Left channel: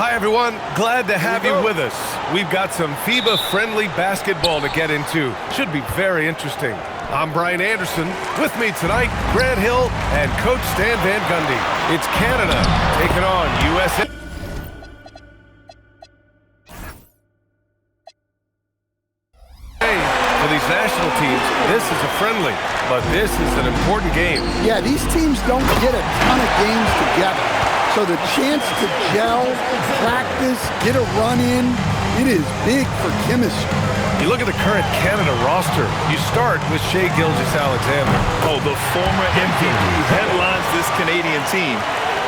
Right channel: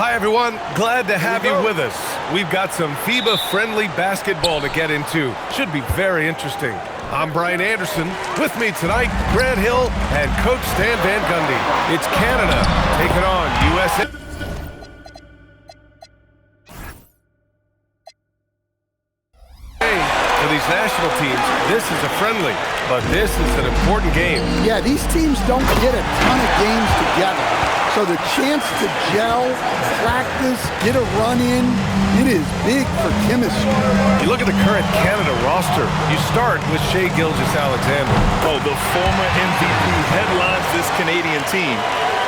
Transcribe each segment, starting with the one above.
Hi, everyone. Glad to have you with us. We've got some FIBA-friendly basketball to get into. Should be very interesting. I'm Brian Anderson. With me tonight, Grant Hill and Coach Stan Van Gundy. It's Canada taking on USA. For these national teams, this is a friendly, but this is an important game. Yeah, these teams don't get a ton of games together. So the chance to gel, practice, get a run in, it is big for chemistry. You look at the current Canada roster. You start with Shai Gilgeous-Alexander. Oh, the former MVP headlines this Canadian team.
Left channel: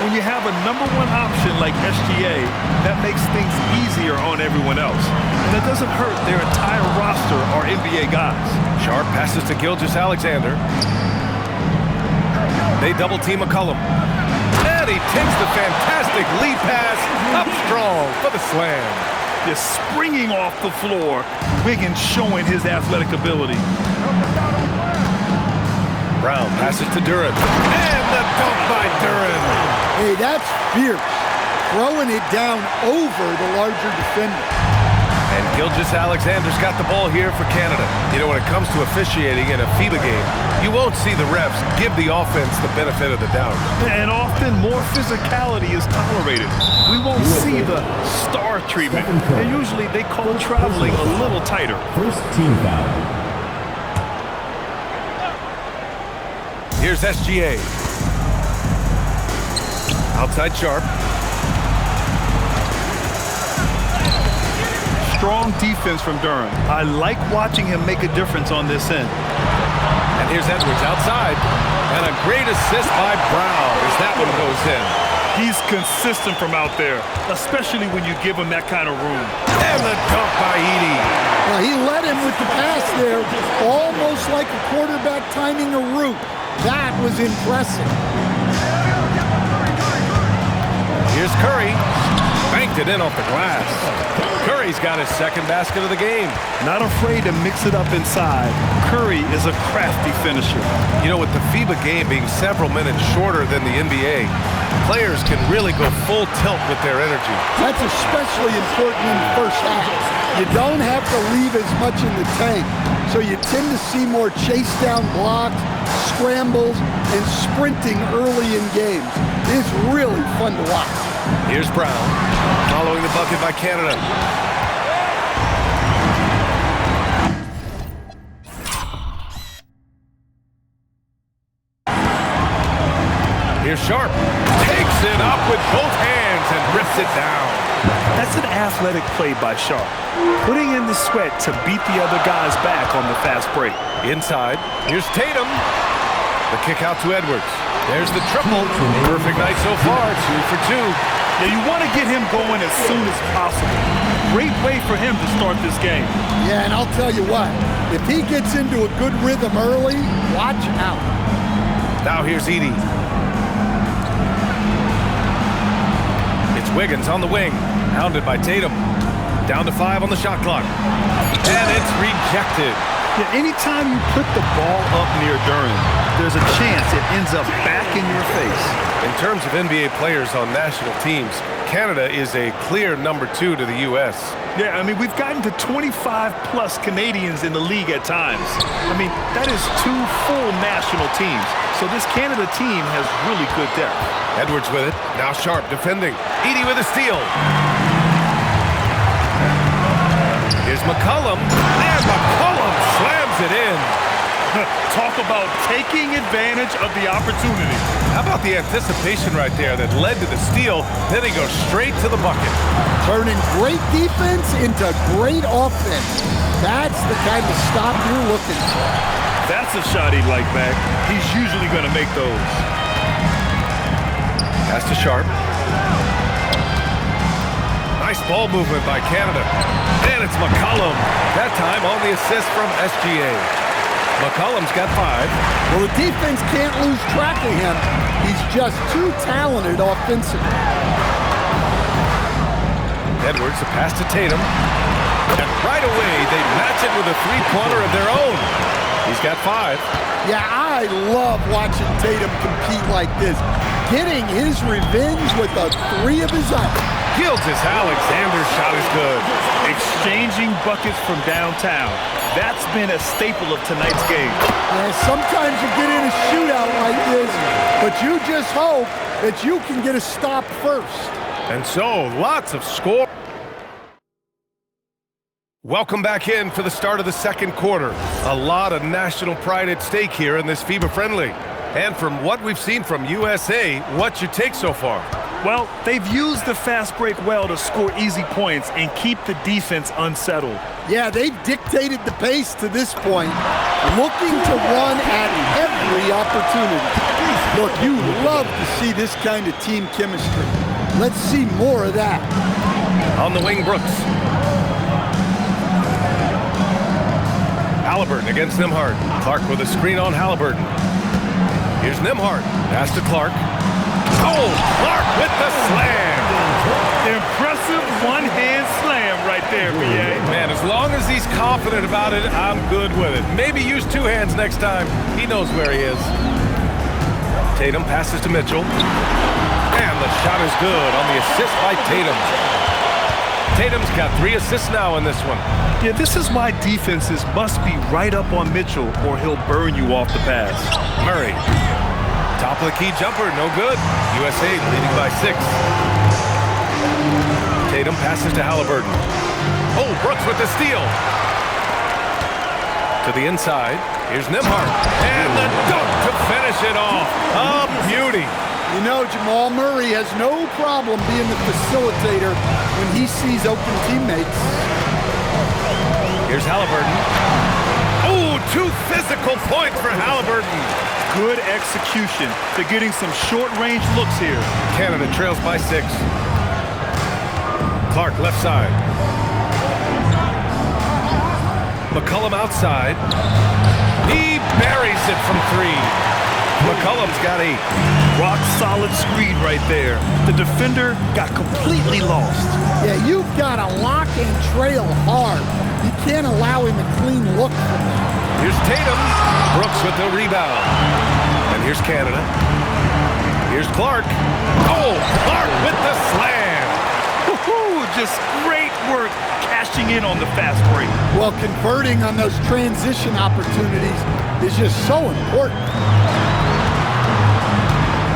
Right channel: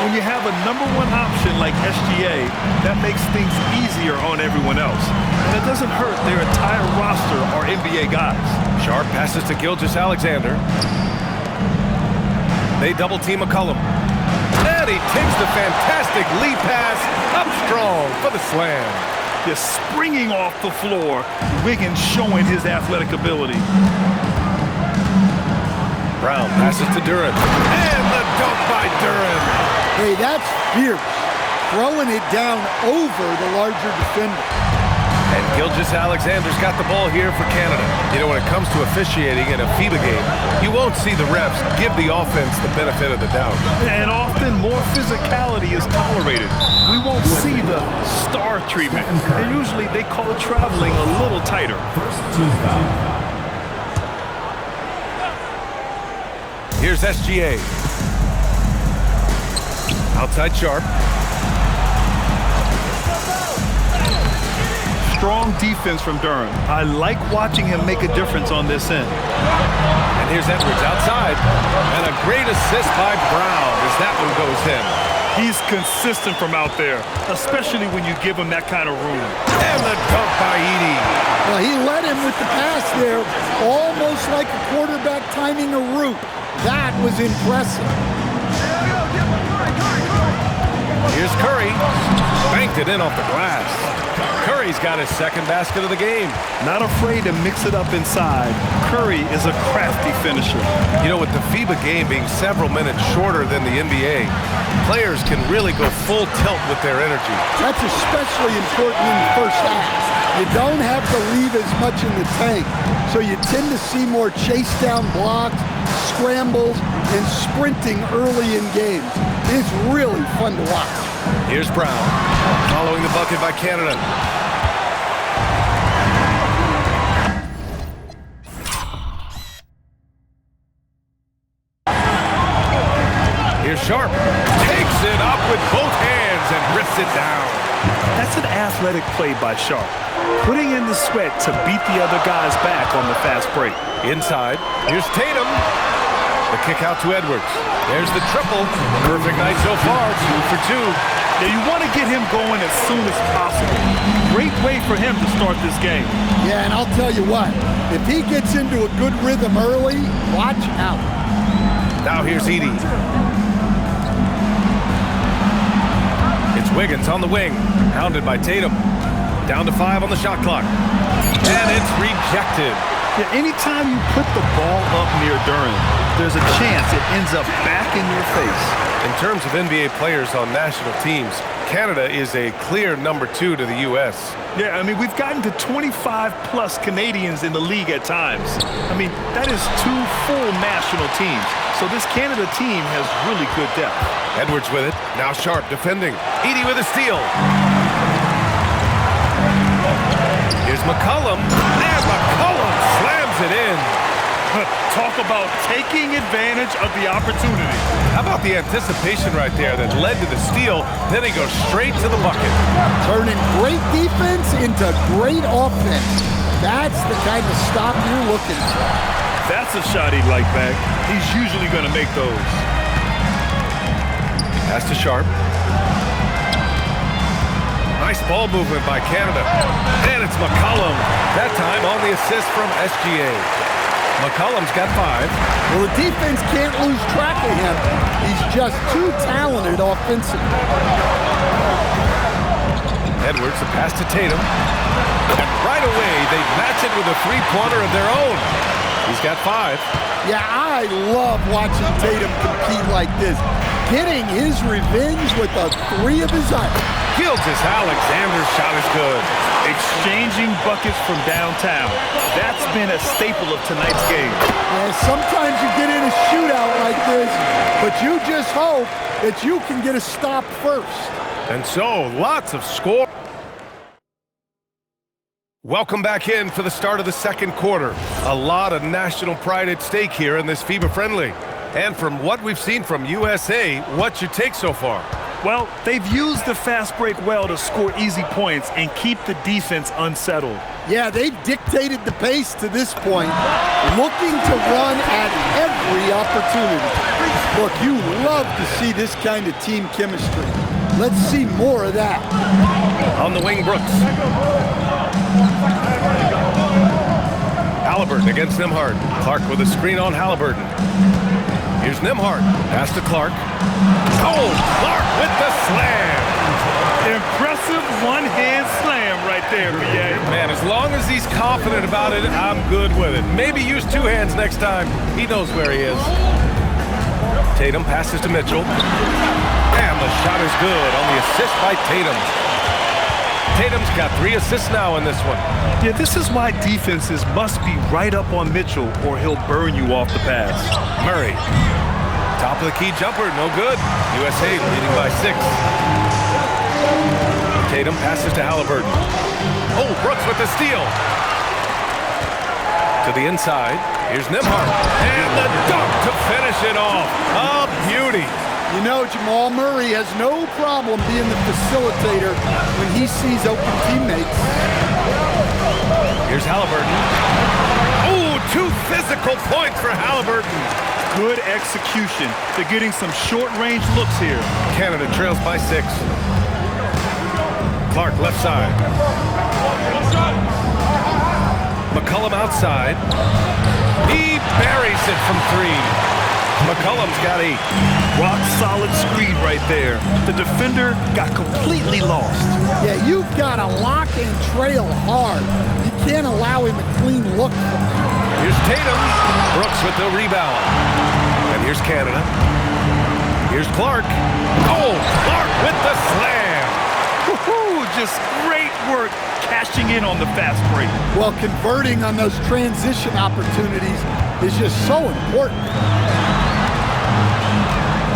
When you have a #1 option like SGA, that makes things easier on everyone else. And it doesn't hurt their entire roster are NBA guys. Sharp passes to Gilgeous-Alexander. They double-team McCollum. And he takes the fantastic lead pass up strong for the slam. Just springing off the floor, Wiggins showing his athletic ability. Brown passes to Duren. And the dunk by Duren. Hey, that's fierce. Throwing it down over the larger defender. And Gilgeous-Alexander's got the ball here for Canada. You know, when it comes to officiating in a FIBA game, you won't see the refs give the offense the benefit of the doubt. And often more physicality is tolerated. We won't see the star treatment. And usually they call traveling a little tighter. First team foul. Here's SGA. Outside Sharp. Strong defense from Duren. I like watching him make a difference on this end. And here's Edwards outside. And a great assist by Brown as that one goes in. He's consistent from out there, especially when you give him that kind of room. And the dunk by Edey. Well, he led him with the pass there, almost like a quarterback timing a route. That was impressive. Here's Curry. Banked it in off the glass. Curry's got his second basket of the game. Not afraid to mix it up inside. Curry is a crafty finisher. You know, with the FIBA game being several minutes shorter than the NBA, players can really go full tilt with their energy. That's especially important in the first half. You don't have to leave as much in the tank, so you tend to see more chase down blocks, scrambles, and sprinting early in games. It's really fun to watch. Here's Brown, following the bucket by Canada. Here's Sharp. Takes it up with both hands and rips it down. That's an athletic play by Sharp, putting in the sweat to beat the other guys back on the fast break. Inside, here's Tatum. The kick out to Edwards. There's the triple. Perfect night so far, 2 for 2. Now you want to get him going as soon as possible. Great way for him to start this game. Yeah, and I'll tell you what, if he gets into a good rhythm early, watch out. Now here's Edey. It's Wiggins on the wing, hounded by Tatum. Down to 5 on the shot clock. And it's rejected. Yeah, anytime you put the ball up near Duren, there's a chance it ends up back in your face. In terms of NBA players on national teams, Canada is a clear #2 to the U.S. Yeah, I mean, we've gotten to 25-plus Canadians in the league at times. I mean, that is 2 full national teams. So this Canada team has really good depth. Edwards with it. Now Sharp defending. Edey with a steal. Here's McCollum. And McCollum slams it in. Talk about taking advantage of the opportunity. How about the anticipation right there that led to the steal? Then he goes straight to the bucket. Turning great defense into great offense. That's the kind of stop you're looking for. That's a shot he'd like back. He's usually going to make those. Pass to Sharp. Nice ball movement by Canada. And it's McCollum. That time on the assist from SGA. McCollum's got 5. Well, the defense can't lose track of him. He's just too talented offensively. Edwards, a pass to Tatum. And right away, they match it with a three-pointer of their own. He's got 5. Yeah, I love watching Tatum compete like this. Getting his revenge with a 3 of his own. Gilgeous-Alexander's shot is good. Exchanging buckets from downtown. That's been a staple of tonight's game. Yeah, sometimes you get in a shootout like this, but you just hope that you can get a stop first. And so, lots of score. Welcome back in for the start of the second quarter. A lot of national pride at stake here in this FIBA friendly. And from what we've seen from USA, what's your take so far? Well, they've used the fast break well to score easy points and keep the defense unsettled. Yeah, they've dictated the pace to this point, looking to run at every opportunity. Look, you love to see this kind of team chemistry. Let's see more of that. On the wing, Brooks. Halliburton against Nembhard. Clark with a screen on Halliburton. Here's Nembhard. Pass to Clark. Oh, Clark with the slam. Impressive one-hand slam right there, B.A. Man, as long as he's confident about it, I'm good with it. Maybe use two hands next time. He knows where he is. Tatum passes to Mitchell. And the shot is good on the assist by Tatum. Tatum's got 3 assists now in this one. Yeah, this is why defenses must be right up on Mitchell or he'll burn you off the pass. Murray. Top of the key jumper, no good. USA leading by 6. Tatum passes to Halliburton. Oh, Brooks with the steal. To the inside. Here's Nembhard. And the dunk to finish it off. A beauty. You know, Jamal Murray has no problem being the facilitator when he sees open teammates. Here's Halliburton. Oh, 2 physical points for Halliburton. Good execution. They're getting some short-range looks here. Canada trails by 6. Clark left side. McCollum outside. He buries it from 3. McCollum's got 8. Rock-solid screen right there. The defender got completely lost. Yeah, you've got to lock and trail hard. You can't allow him a clean look from there. Here's Tatum. Brooks with the rebound. And here's Canada. Here's Clark. Oh, Clark with the slam. Woohoo! Just great work cashing in on the fast break. Well, converting on those transition opportunities is just so important.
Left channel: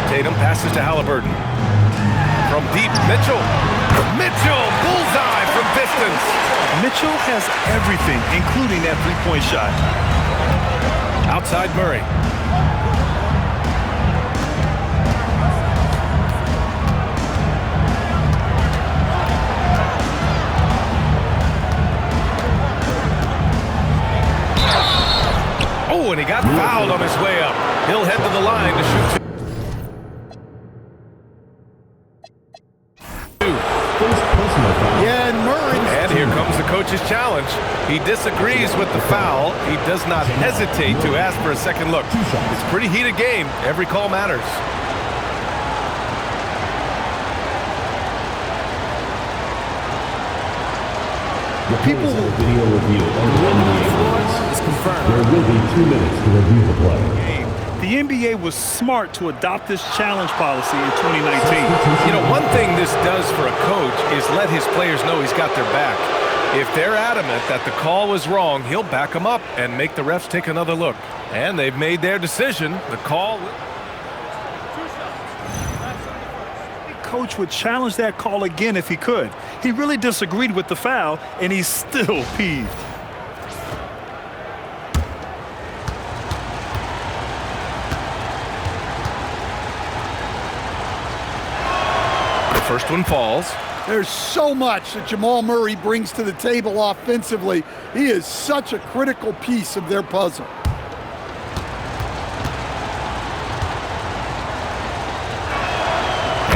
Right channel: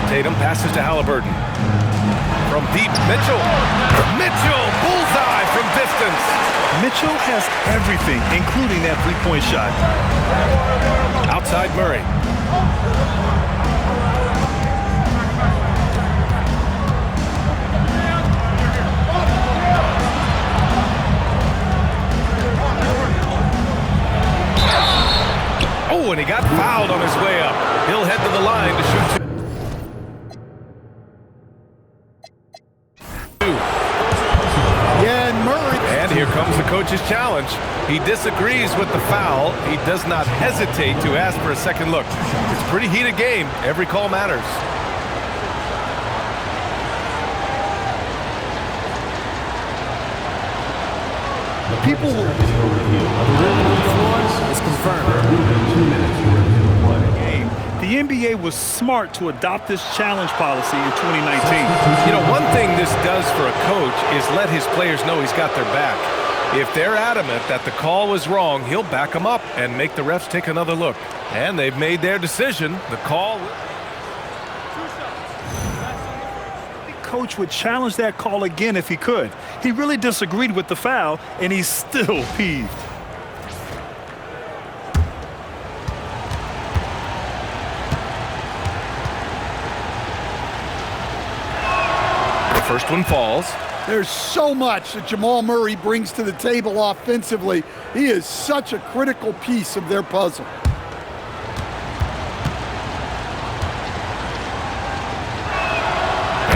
Tatum passes to Halliburton. From deep, Mitchell. Mitchell, bullseye from distance. Mitchell has everything, including that three-point shot. Outside Murray. Oh, and he got fouled on his way up. He'll head to the line to shoot 2. Yeah, and Murray. And here comes the coach's challenge. He disagrees with the foul. He does not hesitate to ask for a second look. It's a pretty heated game. Every call matters. The people will video review. The ruling on the floor is confirmed. There will be 2 minutes to review the play. The NBA was smart to adopt this challenge policy in 2019. You know, one thing this does for a coach is let his players know he's got their back. If they're adamant that the call was wrong, he'll back them up and make the refs take another look. And they've made their decision. The call... 2 shots. That's on the first. The coach would challenge that call again if he could. He really disagreed with the foul, and he's still peeved. First one falls. There's so much that Jamal Murray brings to the table offensively. He is such a critical piece of their puzzle.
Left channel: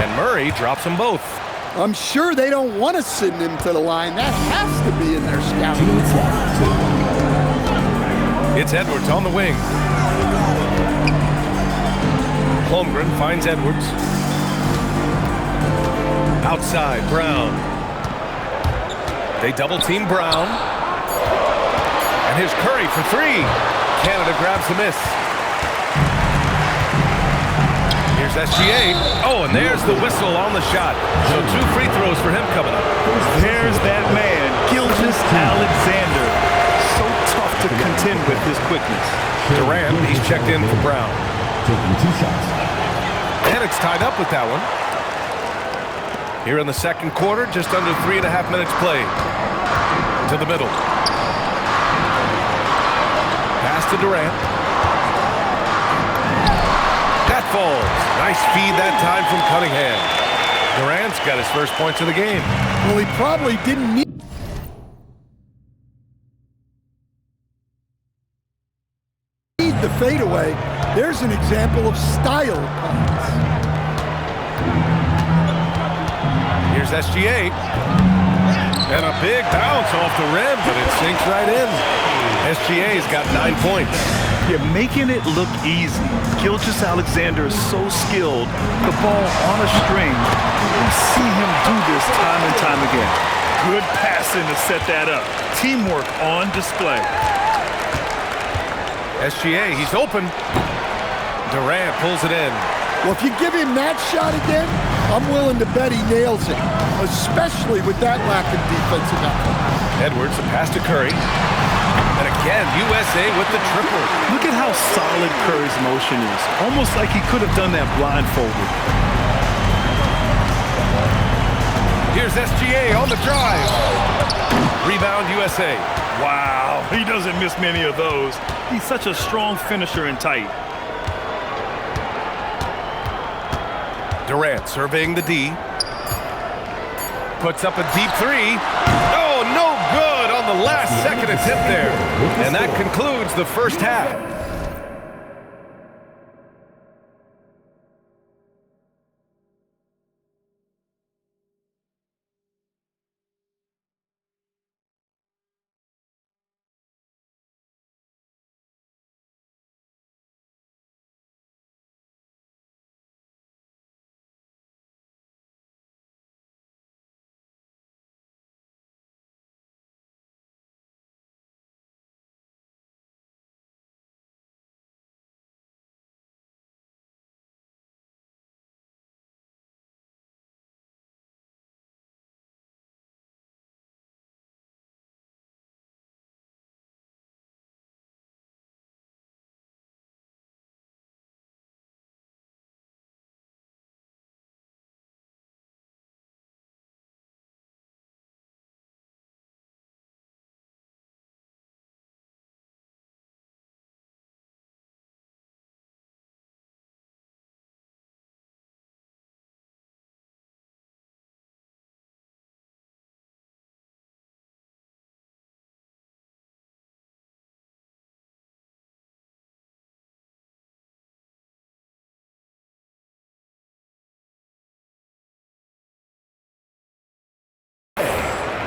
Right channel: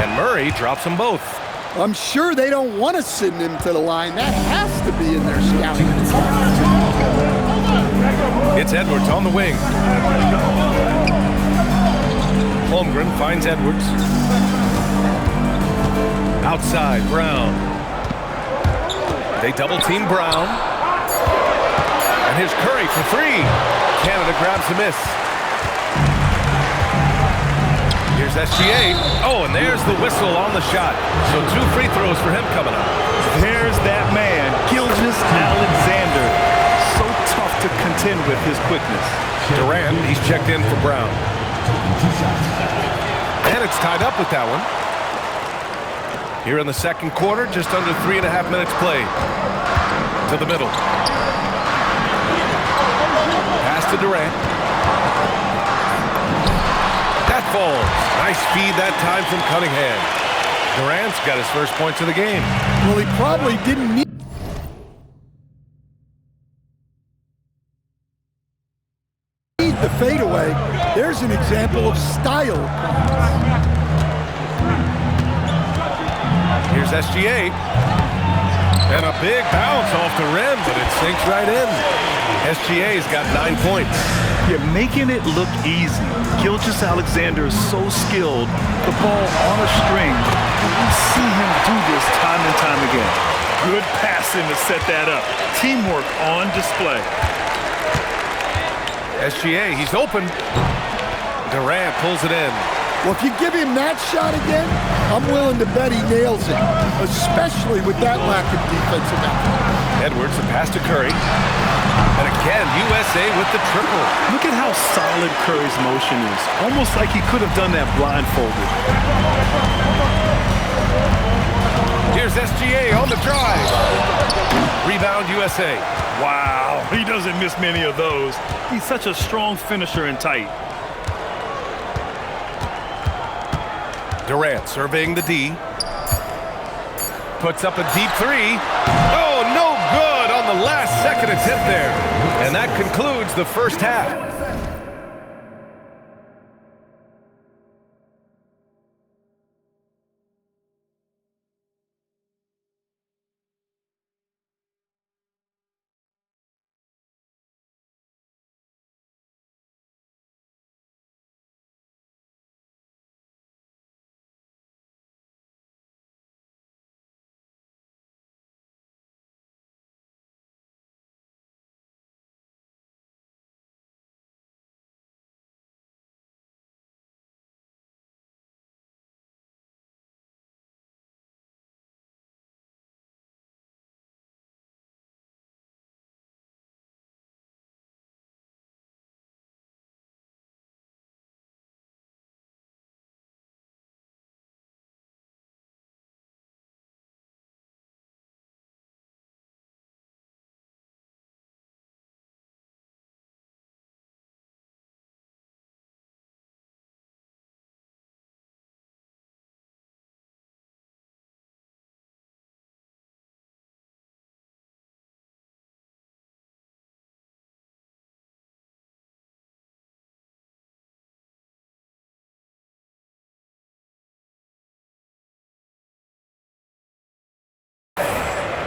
And Murray drops them both. I'm sure they don't want to send him to the line. That has to be in their scouting report. It's Edwards on the wing. Holmgren finds Edwards. Outside, Brown. They double-team Brown. And here's Curry for 3. Canada grabs a miss. Here's SGA. Oh, and there's the whistle on the shot. So 2 free throws for him coming up. There's that man, Alexander. So tough to contend with his quickness. Durant, he's checked in for Brown. Taking 2 shots. And it's tied up with that one. Here in the second quarter, just under 3.5 minutes played. To the middle. Pass to Durant. That falls. Nice feed that time from Cunningham. Durant's got his first points of the game. Well, he probably didn't need the fadeaway. There's an example of style points. Here's SGA. And a big bounce off the rim, but it sinks right in. SGA's got 9 points. You're making it look easy. Alexander is so skilled. The ball on a string. We see him do this time and time again. Good passing to set that up. Teamwork on display. SGA, he's open. Durant pulls it in. Well, if you give him that shot again, I'm willing to bet he nails it, especially with that lack of defensive effort. Edwards, a pass to Curry. And again, USA with the triple. Look at how solid Curry's motion is. Almost like he could have done that blindfolded. Here's SGA on the drive. Rebound USA. Wow, he doesn't miss many of those. He's such a strong finisher and tight. Durant surveying the D. Puts up a deep 3. Oh, no good on the last second attempt there. And that concludes the first half.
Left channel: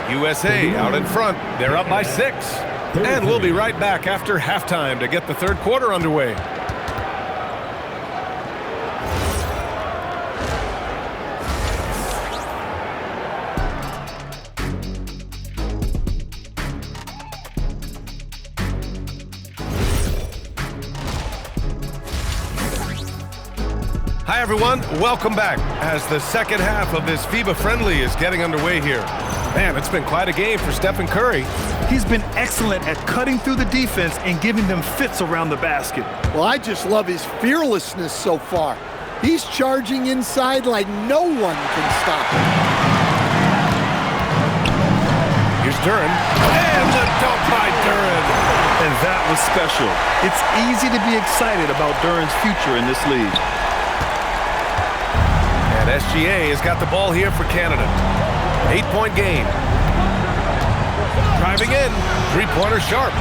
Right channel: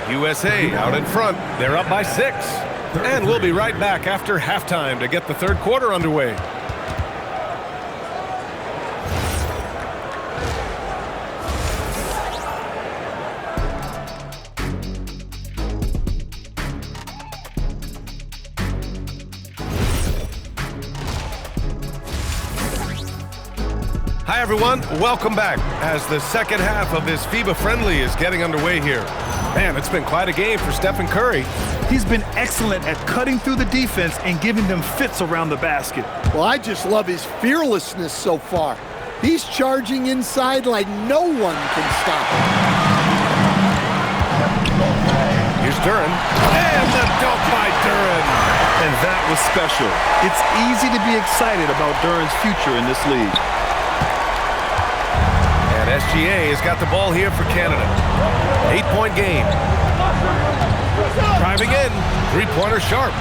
USA out in front. They're up by 6. And we'll be right back after halftime to get the third quarter underway. Hi, everyone. Welcome back as the second half of this FIBA Friendly is getting underway here. Man, it's been quite a game for Stephen Curry. He's been excellent at cutting through the defense and giving them fits around the basket. Well, I just love his fearlessness so far. He's charging inside like no one can stop him. Here's Duren. And the dunk by Duren. And that was special. It's easy to be excited about Duren's future in this league. And SGA has got the ball here for Canada. 8-point game. Driving in. Three-pointer sharp.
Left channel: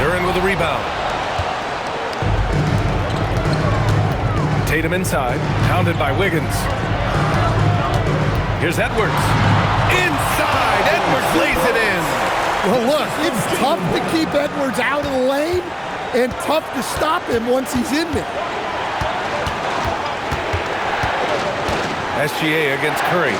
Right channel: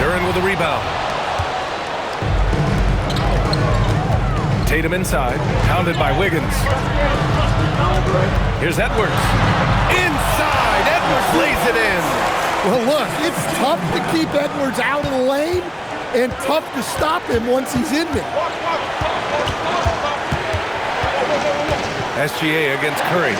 Duren with the rebound. Tatum inside. Pounded by Wiggins. Here's Edwards. Inside. Edwards lays it in. Well, look, it's tough to keep Edwards out of the lane and tough to stop him once he's in there. SGA against Curry.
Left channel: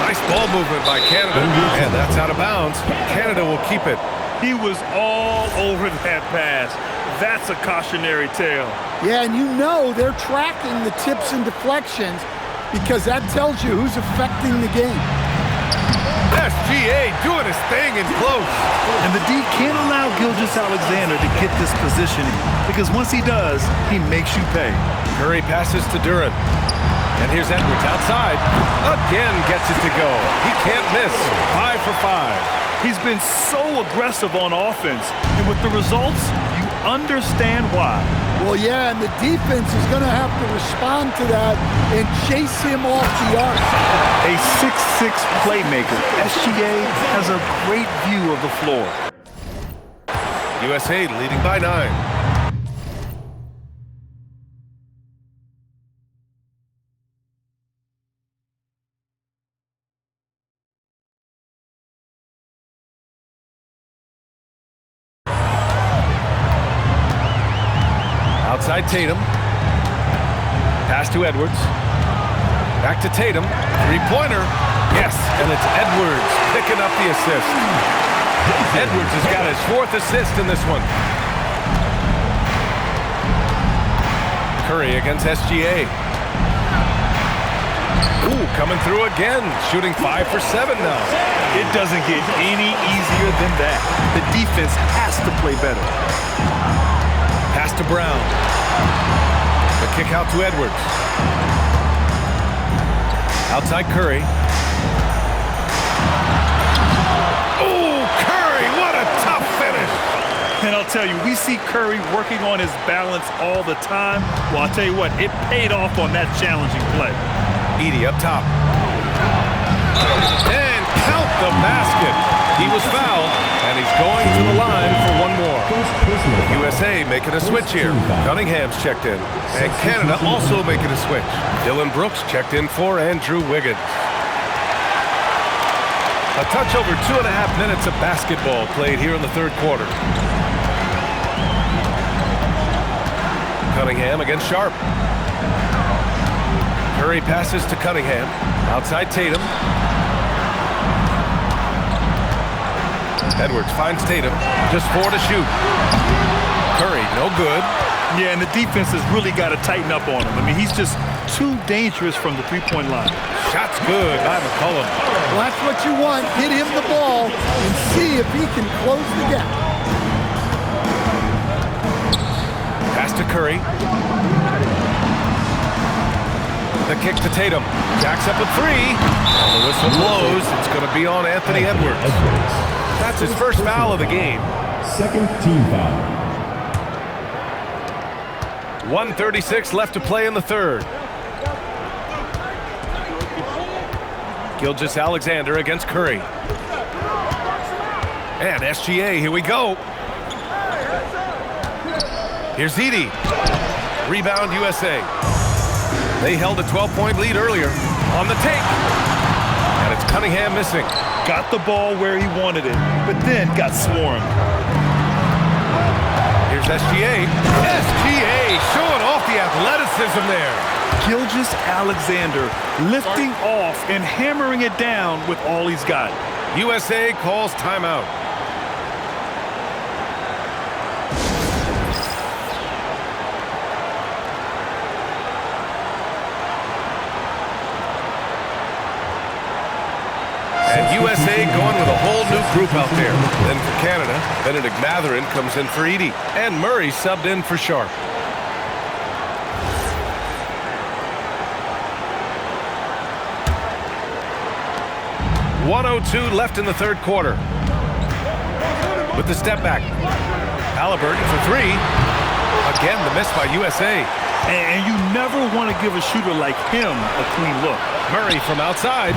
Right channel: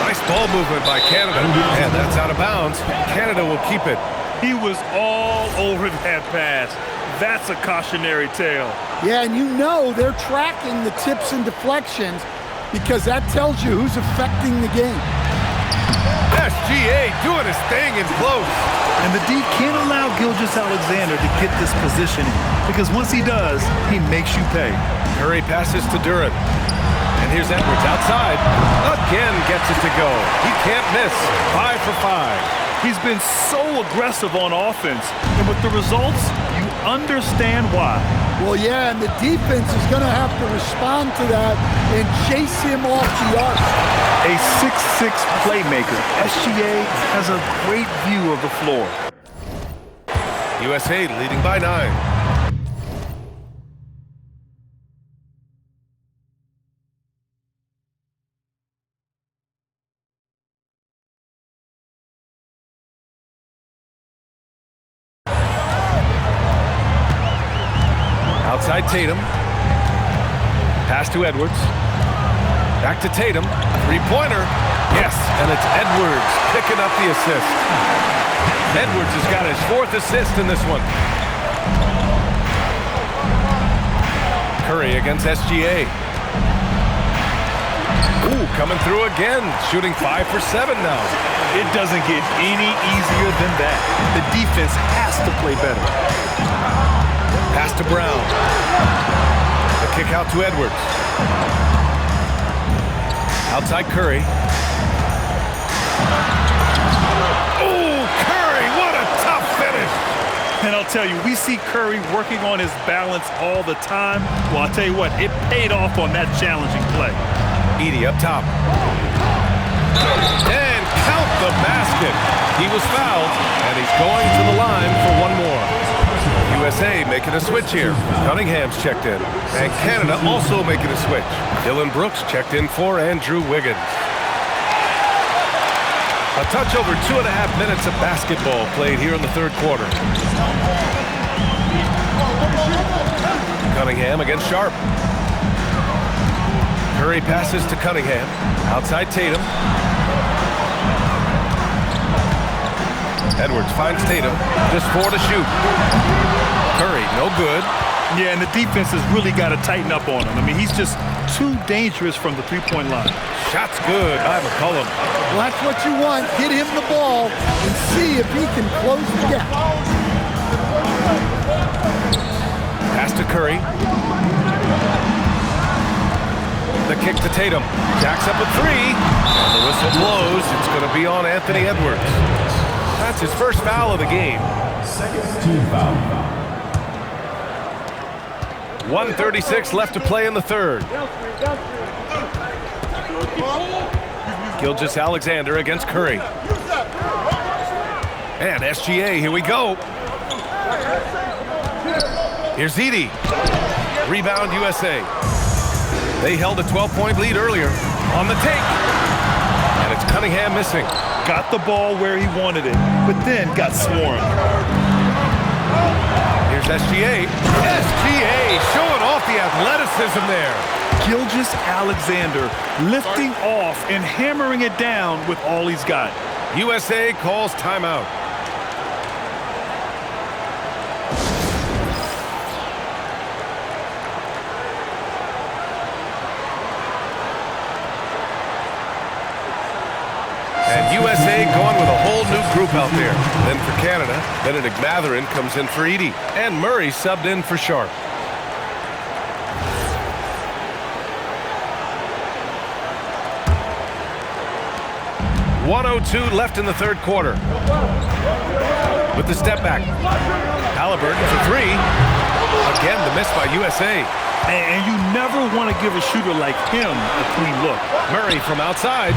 Nice ball movement by Canada. And that's out of bounds. Canada will keep it. He was all over that pass. That's a cautionary tale. Yeah, and you know they're tracking the tips and deflections because that tells you who's affecting the game. SGA doing his thing in close. And the D can't allow Gilgeous-Alexander to get this positioning because once he does, he makes you pay. Curry passes to Duran. And here's Edwards outside. Again gets it to go. He can't miss. 5 for 5. He's been so aggressive on offense. And with the results, you understand why. Well, yeah, and the defense is going to have to respond to that and chase him off the arc. A 6'6 playmaker, SGA has a great view of the floor. USA leading by 9. Outside Tatum. Pass to Edwards. Back to Tatum. Three-pointer. Yes, and it's Edwards picking up the assist. Edwards has got his 4th assist in this one. Curry against SGA. Ooh, coming through again. Shooting 5 for 7 now. It doesn't get any easier than that. The defense has to play better. Pass to Brown. The kick out to Edwards. Outside Curry. Oh, Curry, what a tough finish. And I'll tell you, we see Curry working on his balance all the time. Well, I'll tell you what, it paid off on that challenging play. Edey up top. And count the basket. He was fouled, and he's going to the line for one more. USA making a switch here. Cunningham's checked in, and Canada also making a switch. Dylan Brooks checked in for Andrew Wiggins. A touch over 2.5 minutes of basketball played here in the third quarter. Cunningham against Sharp. Curry passes to Cunningham. Outside Tatum. Edwards finds Tatum. Just 4 to shoot. Curry, no good. Yeah, and the defense has really got to tighten up on him. I mean, he's just too dangerous from the three-point line. Shot's good by McCollum. Well, that's what you want. Get him the ball and see if he can close the gap. Pass to Curry. The kick to Tatum. Jacks up a 3. And the whistle blows. It's going to be on Anthony Edwards. That's his first foul of the game. Second team foul. 1:36 left to play in the third. Gilgeous-Alexander against Curry. And SGA, here we go. Here's Edey. Rebound USA. They held a 12-point lead earlier. On the take. And it's Cunningham missing. Got the ball where he wanted it, but then got swarmed. Here's SGA. SGA showing off the athleticism there. Gilgeous-Alexander lifting off and hammering it down with all he's got. USA calls timeout. And USA going with a whole new group out there. Then for Canada, Benedict Mathurin comes in for Edey. And Murray subbed in for Sharp. .102 left in the third quarter. With the step back. Halliburton for 3. Again, the miss by USA. And you never want to give a shooter like him a clean look. Murray from outside.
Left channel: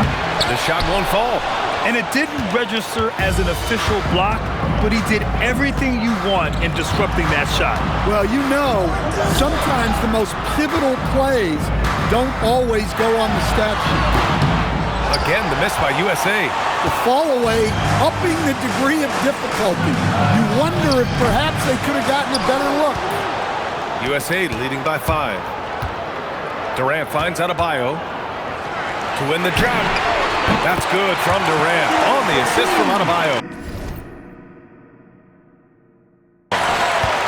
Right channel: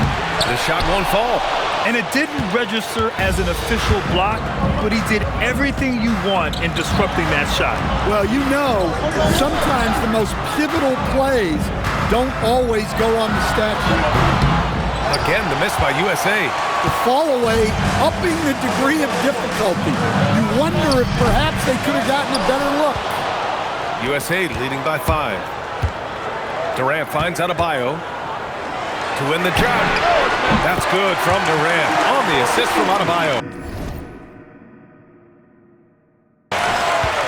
The shot won't fall. And it didn't register as an official block, but he did everything you want in disrupting that shot. Well, you know, sometimes the most pivotal plays don't always go on the stat sheet. Again, the miss by USA. The fall away, upping the degree of difficulty. You wonder if perhaps they could have gotten a better look. USA leading by 5. Durant finds Adebayo to win the drought. That's good from Durant on the assist from Adebayo.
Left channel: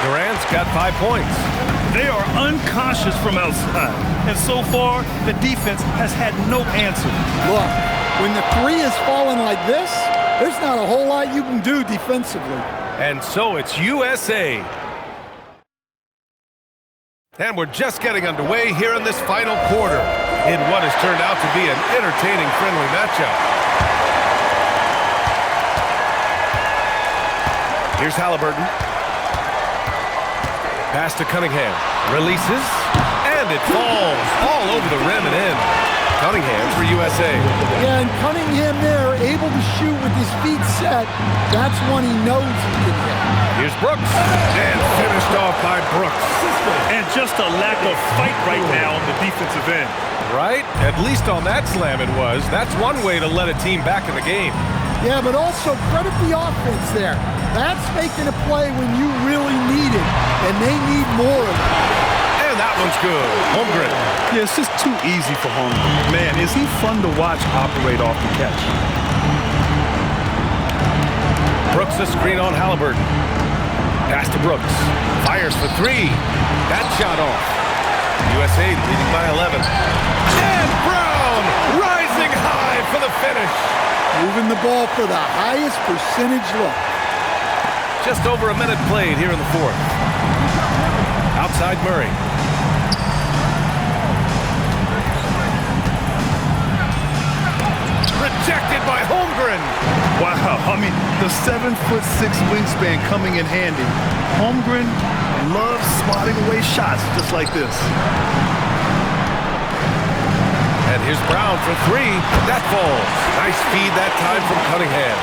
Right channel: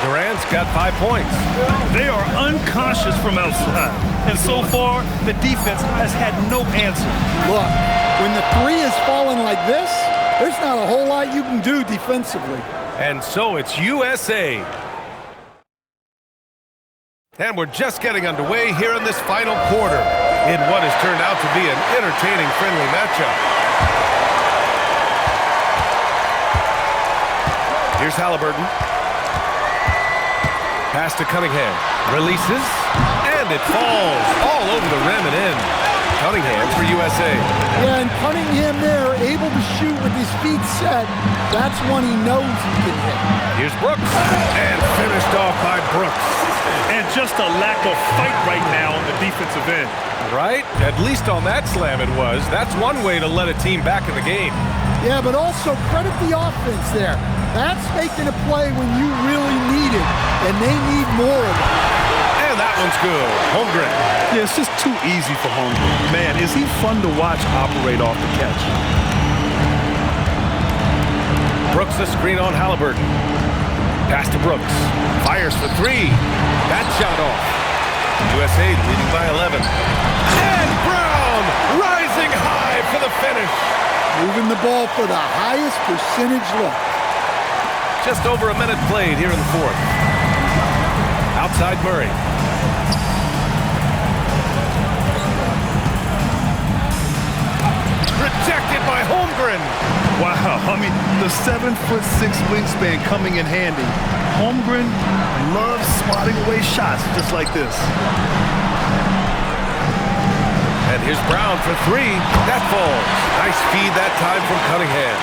Durant's got 5 points. They are unconscious from outside. And so far, the defense has had no answer. Look, when the three is falling like this, there's not a whole lot you can do defensively. And so it's USA. And we're just getting underway here in this final quarter in what has turned out to be an entertaining, friendly matchup. Here's Halliburton. Pass to Cunningham. Releases. And it falls all over the rim and in. Cunningham for USA. Yeah, and Cunningham there, able to shoot with his feet set. That's one he knows he can hit. Here's Brooks. And finished off by Brooks. And just a lack of fight right now on the defensive end. Right? At least on that slam it was. That's one way to let a team back in the game. Yeah, but also credit the offense there. That's making a play when you really need it, and they need more of it. And that one's good. Holmgren. Yeah, it's just too easy for Holmgren. Man, is he fun to watch operate off the catch. Brooks the screen on Halliburton. Pass to Brooks. Fires for three. That shot off. USA leading by 11. And Brown rising high for the finish. Moving the ball for the highest percentage look. Just over a minute played here in the fourth. Outside Murray. Rejected by Holmgren. Wow, I mean, the 7'6" wingspan coming in handy. Holmgren loves swatting away shots just like this. And here's Brown for three. That falls. Nice feed that time from Cunningham.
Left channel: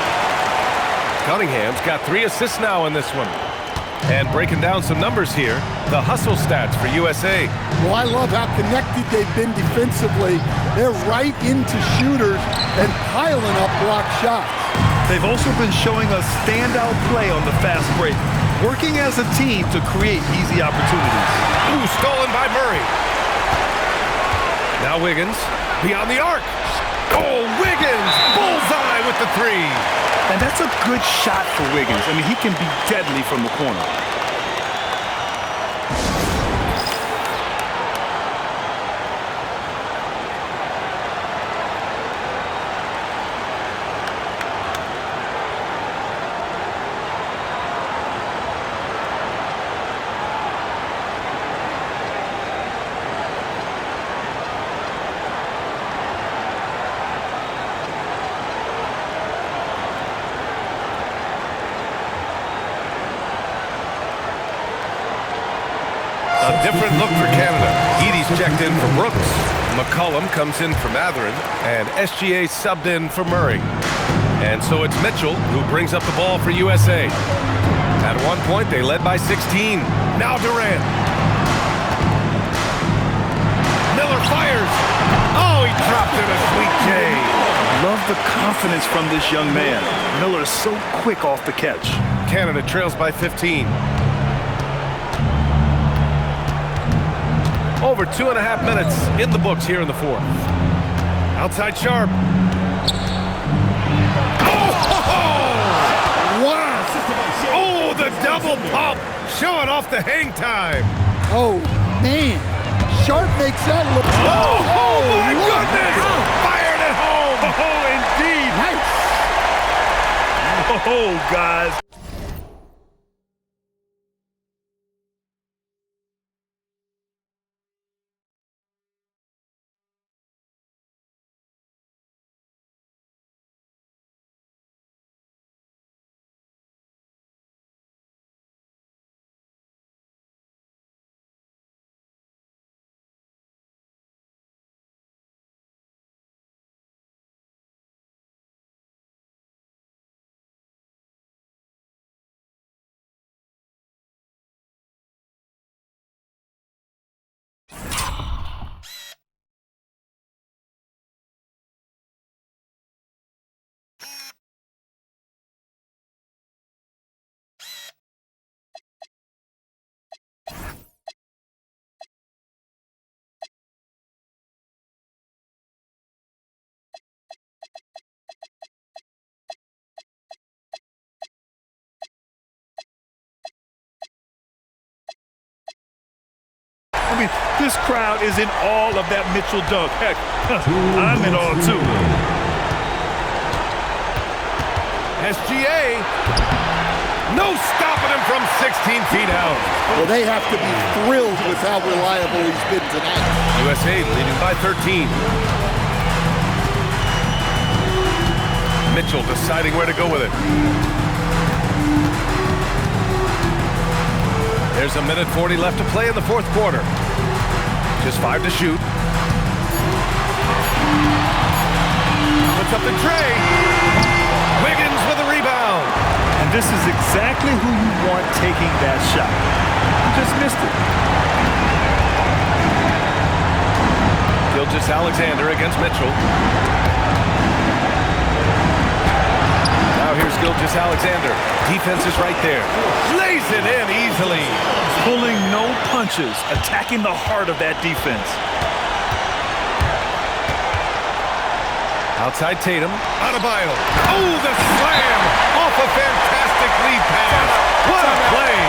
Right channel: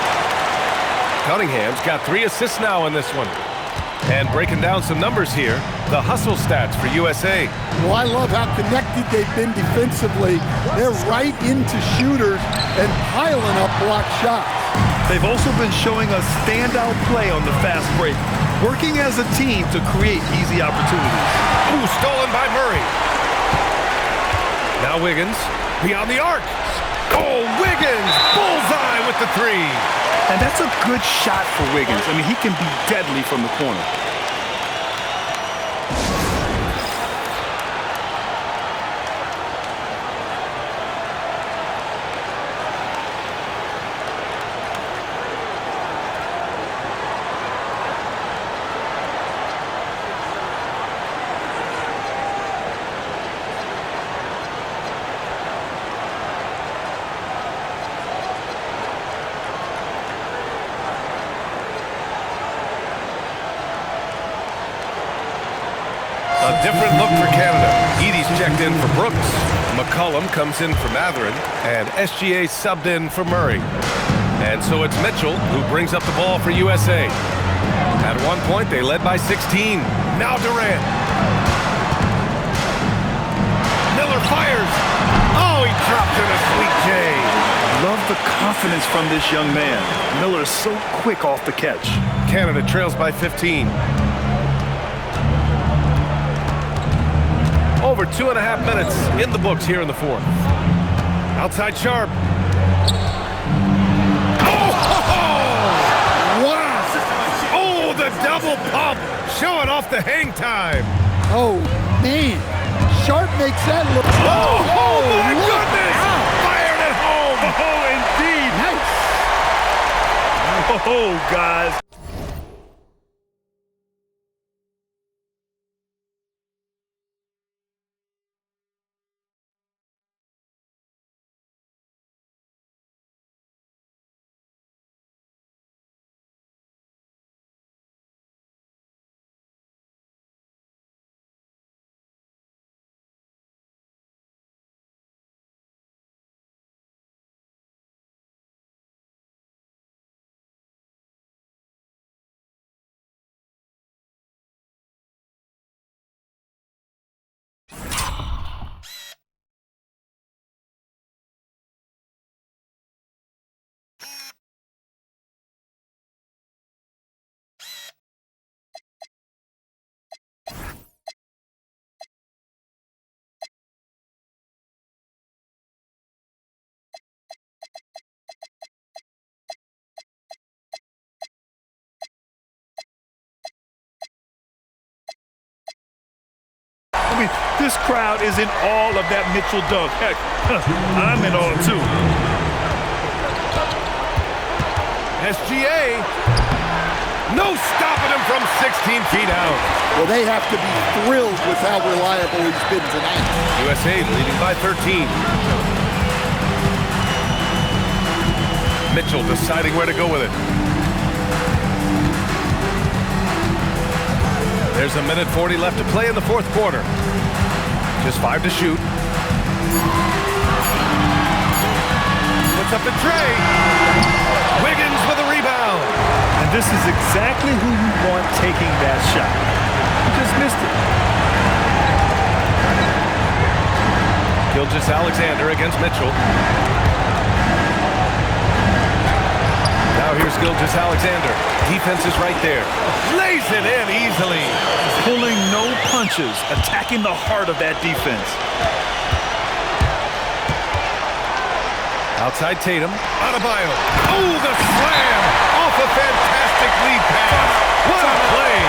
Cunningham's got 3 assists now in this one. And breaking down some numbers here, the hustle stats for USA. Well, I love how connected they've been defensively. They're right into shooters and piling up block shots. They've also been showing us standout play on the fast break, working as a team to create easy opportunities. Ooh, stolen by Murray. Now Wiggins, beyond the arc. Oh, Wiggins, bullseye with the three. And that's a good shot for Wiggins. I mean, he can be deadly from the corner. A different look for Canada. Edie's checked in for Brooks. McCollum comes in for Matherin. And SGA subbed in for Murray. And so it's Mitchell who brings up the ball for USA. At one point, they led by 16. Now Durant. Miller fires. Oh, he dropped in a sweet J. Love the confidence from this young man. Miller is so quick off the catch. Canada trails by 15. Over 2.5 minutes in the books here in the fourth. Outside Sharp. Oh! Wow! Oh, the double pump! Showing off the hang time. Oh, man. Sharp makes that look. Oh, my look goodness! out. Fired at home! Oh, indeed. Nice. Oh, guys. This crowd is in awe of that Mitchell dunk. Heck, I'm in awe too. SGA, no stopping him from 16 feet out. Well, they have to be thrilled with how reliable he's been tonight. USA leading by 13. Mitchell deciding where to go with it. There's a minute 40 left to play in the fourth quarter. Just 5 to shoot. Puts up the tray. Wiggins with a rebound. And this is exactly who you want taking that shot. You just missed it. Gilgeous-Alexander against Mitchell. Now here's Gilgeous-Alexander. Defense is right there. Lays it in easily. Pulling no punches, attacking the heart of that defense. Outside Tatum. Adebayo. Oh, the slam off a fantastic lead pass. What a play.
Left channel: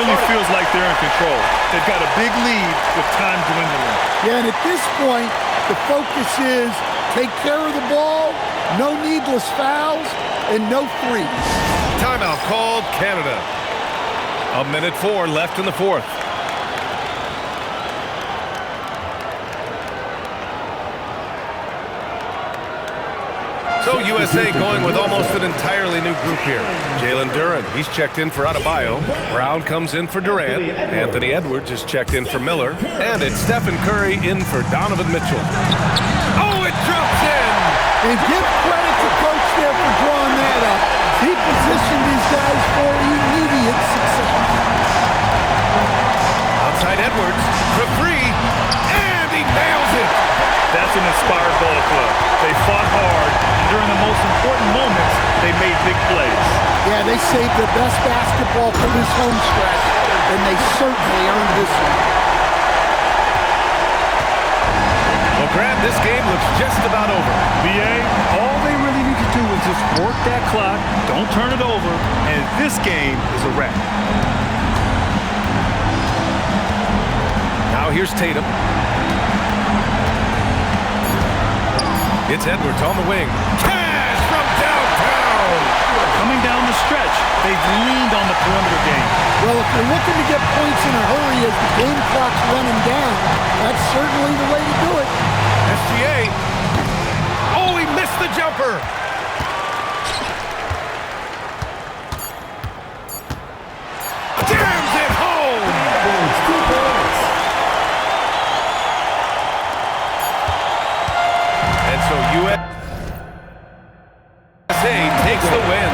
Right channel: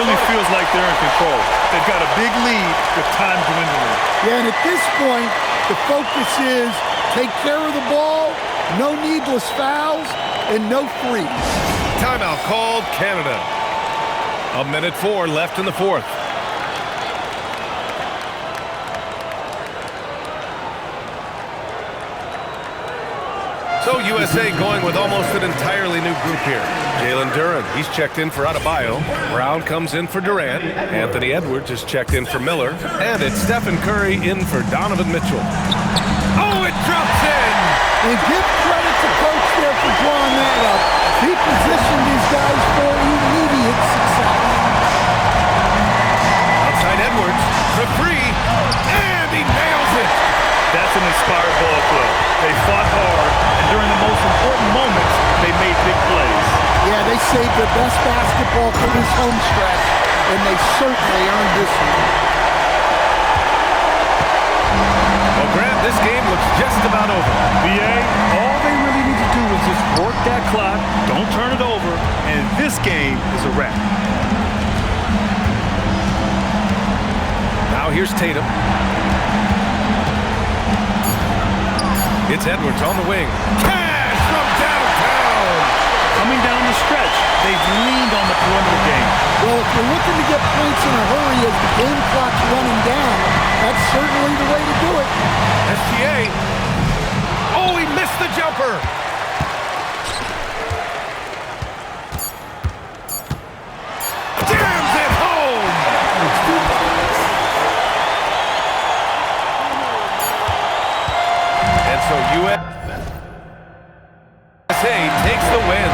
Really feels like they're in control. They've got a big lead with time dwindling. Yeah, and at this point, the focus is take care of the ball, no needless fouls, and no threes. Timeout called Canada. A minute 4 left in the fourth. So USA going with almost an entirely new group here. Jalen Duren, he's checked in for Adebayo. Brown comes in for Durant. Anthony Edwards is checked in for Miller. And it's Stephen Curry in for Donovan Mitchell. Oh, it drops in! And give credit to Coach there for drawing that up. He positioned these guys for immediate success. Outside Edwards for three, and he nails it! That's an inspired ball club. They fought hard, and during the most important moments, they made big plays. Yeah, they saved their best basketball for this home stretch, and they certainly earned this one. Well, Grant, this game looks just about over. BA, all they really need to do is just work that clock, don't turn it over, and this game is a wrap. Now here's Tatum. It's Edwards on the wing. Cash from downtown! Coming down the stretch, they've leaned on the perimeter game. Well, if you're looking to get points in a hurry as the game clock's running down, that's certainly the way to do it. SGA. Oh, he missed the jumper. Jams it home. And so USA takes the win.